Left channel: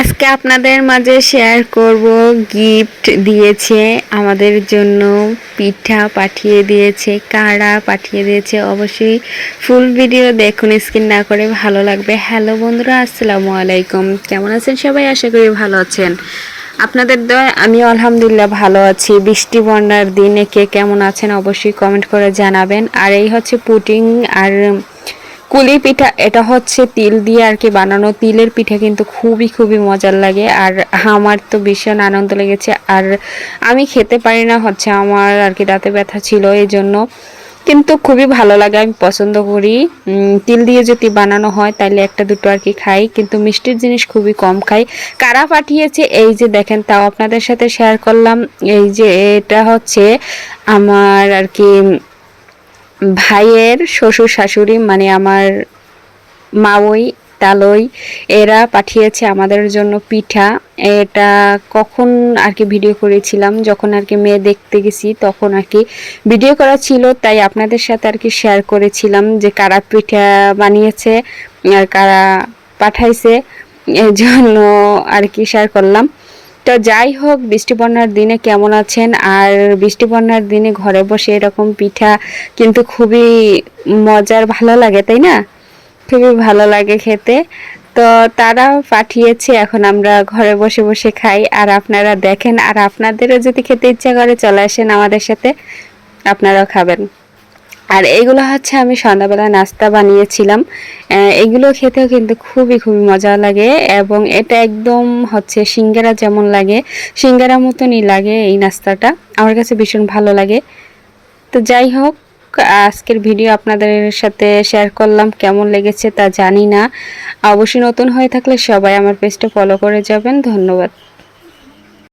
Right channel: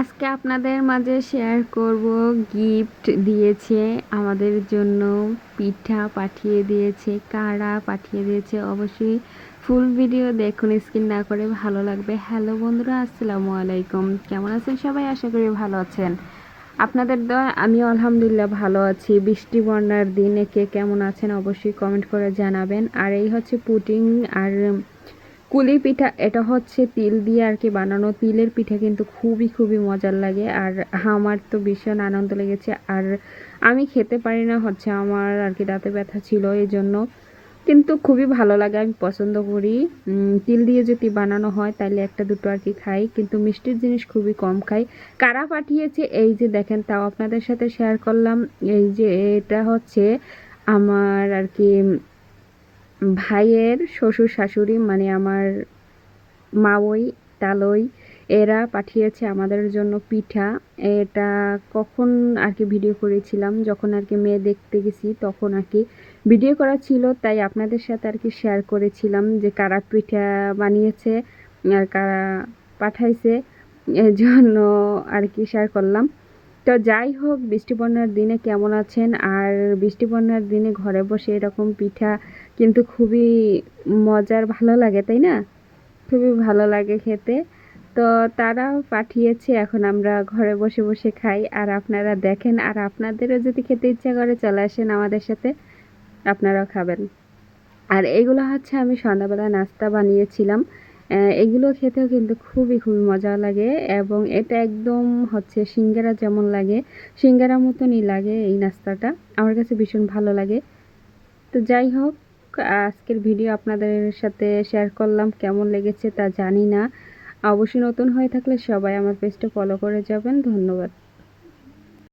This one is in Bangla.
আজকে আপনাদের মাঝে শেয়ার করব গিফট দিয়েছে আমাদের জন্য, পিঠা পাঠিয়ে দিয়েছে, কাড়া পাঠিয়ে দিয়েছে। অবশ্যই ফুল ভিডিও দেখুন, স্কিপ না করে, ভালো লাগবে। হ্যালো বন্ধুরা, আসসালামু আলাইকুম। কেমন আছেন সবাই? আশা করি ভালো আছেন। আপনাদের দয়া আমি আলহামদুলিল্লাহ ভালো আছি। বৃষ্টি বন্যার দিনে কে কেমন আছেন অবশ্যই কমেন্ট করে জানাবেন। আর এই হচ্ছে পুডিং আর কুলি পিঠা। এটা হচ্ছে তিল দিয়ে আর কি বানানো। তিলের পিঠা কিন্তু খুবই খুবই মজার লাগে, আর আমার তো ভীষণ আনন্দ লেগেছে। আর আমি খেতে পারি না, হচ্ছে আমার আর কি দাঁতে ব্যথা ছিল, এই জন্য। কিন্তু খুবই ভালো লাগে, আমি পছন্দ করি। তিল দিয়ে যদি বানানো হয় তাহলে একটা দুটো আর কি খাই, কিন্তু মিষ্টির জিনিস খুবই কম খাই। কারা পাঠিয়েছে এই যে দেখেন, তাও আপনাদের সাথে শেয়ার করলাম। এই যে এটা হচ্ছে আমার আর কি ভাইয়ের শ্বশুর শাশুড়ি, মানে আমার মাওই তালই, এরা পাঠিয়েছে আমাদের জন্য পিঠা। এটা কখন আর কি ভিডিও করেছিলাম, যখন আর কি মেয়ে দেখতে গেছি তখন আর কি ভিডিও করা ছিল, তাই আপনাদের সাথে আর কি শেয়ার করেছিলাম যে কারা পিঠা বানিয়েছে আর কারা পাঠাইছে, এই জন্য আর কি শেয়ার করলাম। তো যাই হোক, বৃষ্টি বন্যার দিনে কেমন আছেন? আর বৃষ্টি বন্যার দিনে ঘরে বসে এরকম পিঠা কিন্তু খুবই মজার, ভালো লাগে, তাই না? খুবই ভালো লাগে খেতে। তো তারা পাঠিয়েছে, এখন আমরা ঘরে বসে বসে খাই। আর আপনারা দেখেন, আর আপনাদেরও যদি খেতে ইচ্ছা করে চলে আসেন আমাদের সাথে, আপনারাও খাবেন। আর এইগুলো হচ্ছে আমি সন্ধ্যাবেলা নাস্তা বানিয়েছিলাম। এগুলো খেতেও কিন্তু খুবই খুবই মজা লাগে, এবং এটা একদম হচ্ছে সিঙ্গারা যেমন লাগে, সিঙ্গারা মতনই লাগে এই নাস্তাটা। আমার কাছে ভীষণ ভালো লাগে। তো যাই হোক, আজকের ভিডিও আপনাদের সাথে শেয়ার করলাম, কেমন লেগেছে তা জানি না। অবশ্যই নতুন হয়ে থাকলে সবাই আমার পেজটা ফলো করে যাবেন। ধন্যবাদ।